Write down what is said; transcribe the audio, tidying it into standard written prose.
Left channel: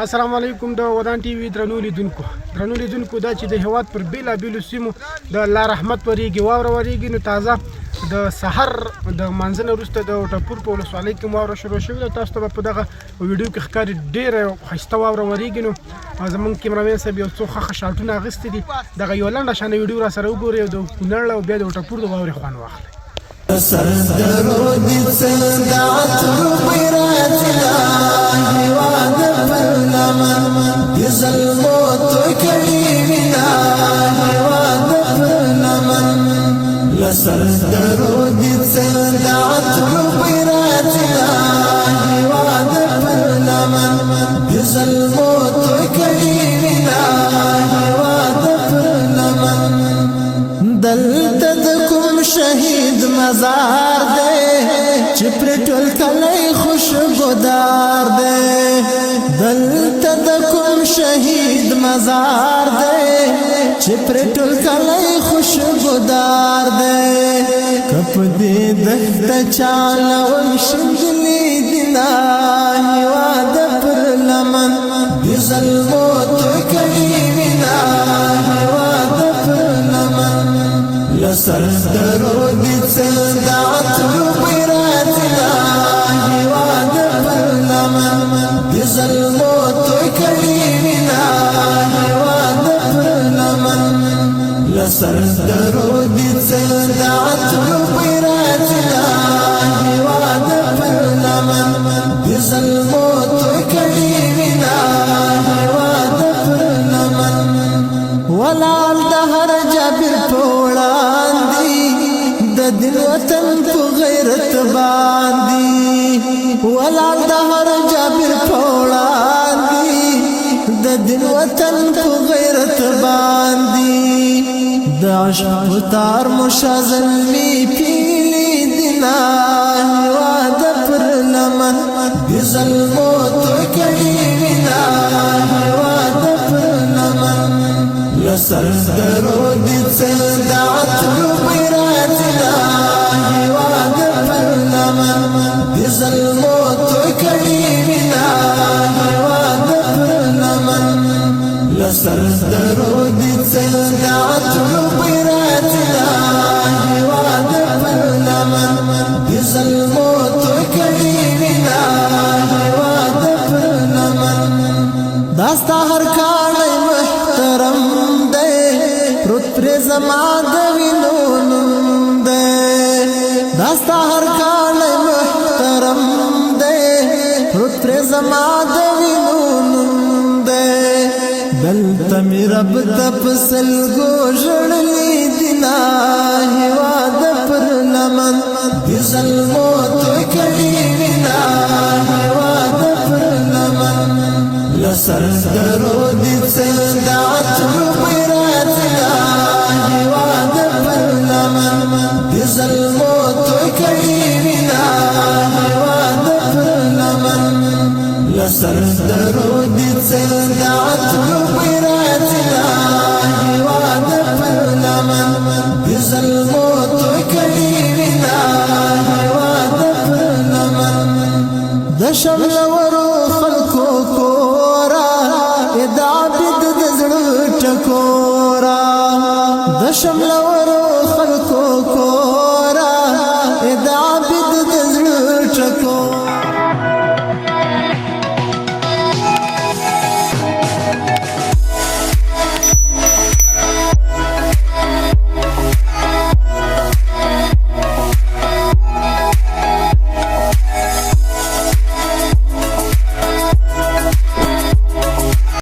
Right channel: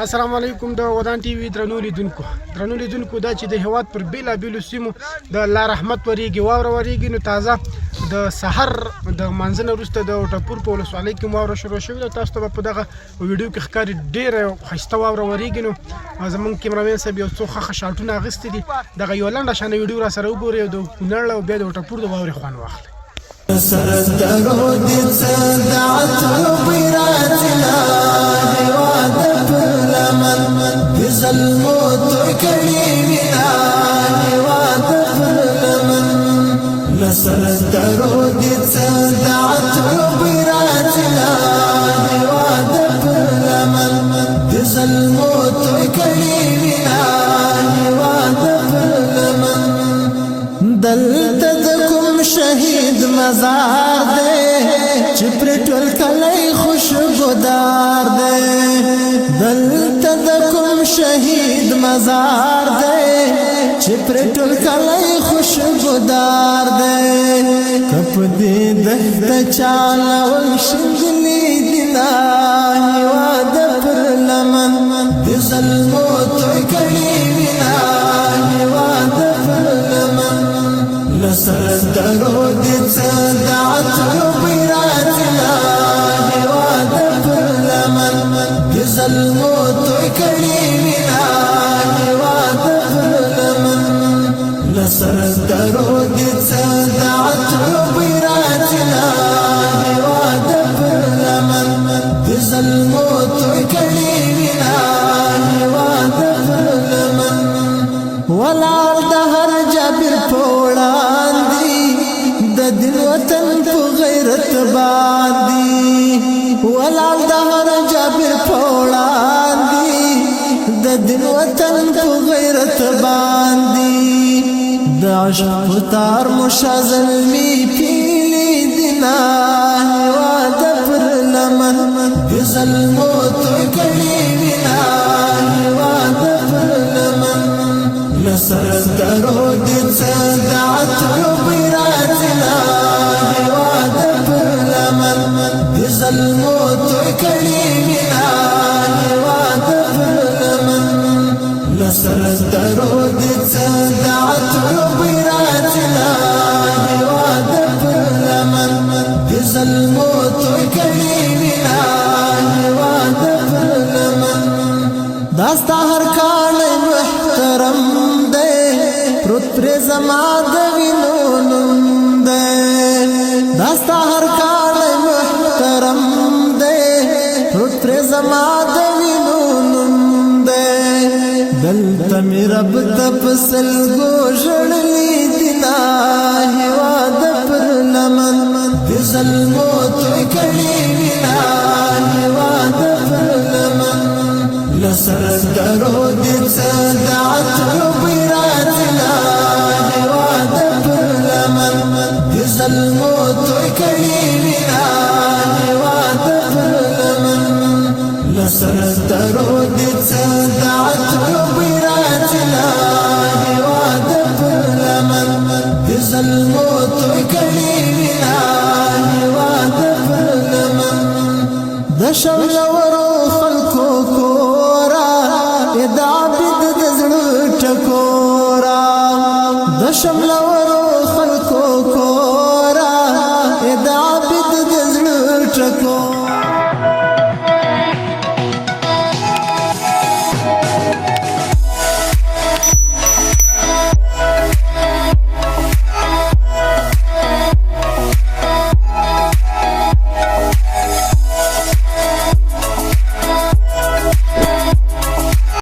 السلام علیکم د ودان ټي وي درنو لیدونکو دا چې د هیواد پر بیلابیلو سیمو د الله رحمت وریږي واوره وریږي نو تازه د سحر د منځنه وروسته د ټپور په ولسوالۍ کې واوره شروع شوې ده. تاسو ته په دغه ویډیو کې ښکاري ډېره ښایسته واوره وریږي. نو زموږ کیمرامین صاحب یو څو ښه شاټونه اخیستي دي. دغه یوه لنډه شانې ویډیو را سره وګورئ او د کونړ او بیا د ټپور د واورې خوند واخلئ. سردرو دي صدعت ربيرات الله وعد فرلمن بظلمو تكلي من الله وعد فرلمن لسردرو دي صدعت ربيرات الله وعد فرلمن بظلمو تكلي من الله وعد فرلمن دلته د کوم شهید مزار دی چې پر ټول کلی خوشبودار دی. دلته د کوم شهید مزار دی چې پر ټول کلی خوشبودار دی. کپ دې دښته چاله شنګلې دی نه هیواد پر لمن د ظلمو توکلې وینا هیواد پر لمن سردرو دي صدعت ربيرات الله وعد فرلمن بظلمو توكلي من الله وعد فرلمن لسردرو دي صدعت ربيرات الله وعد فرلمن بظلمو توكلي من الله وعد فرلمن ولال دهر جابر پوڑان دی د دل وطن په غیرت باندې ولال دهر جابر پوڑان دی د دل وطن په غیرت باندې د عشق تار مشازل می پیلی دینا وعد پر لمن بظلمو توکلی وینا وعد پر لمن سردرو دي صدعت ربيرات الله وعد فرلمن بظلمو توكلي من الله وعد فرلمن سردرو دي صدعت ربيرات الله وعد فرلمن بظلمو توكلي من الله وعد فرلمن داستا هر کاڼی محترم دی پروت پر زما د وینو نوم دی. داستا هر کاڼی محترم دی پروت پر زما د وینو نوم دی. دلته مې رب ته په سلګو ژړلي دي نه هیواد پر لمن د ظلمو توکلي وینا هیواد پر لمن سردرو دي صدعت ربيرات الله وعد فرلمن بظلمو توكلي وینا وعد فرلمن سردرو دي صدعت ربيرات الله وعد فرلمن بظلمو توكلي وینا وعد فرلمن د شمل ورو خلکو کورا د عابد د زړه ټکورا د شمل ورو خلکو کورا د عابد د زړه ټکورا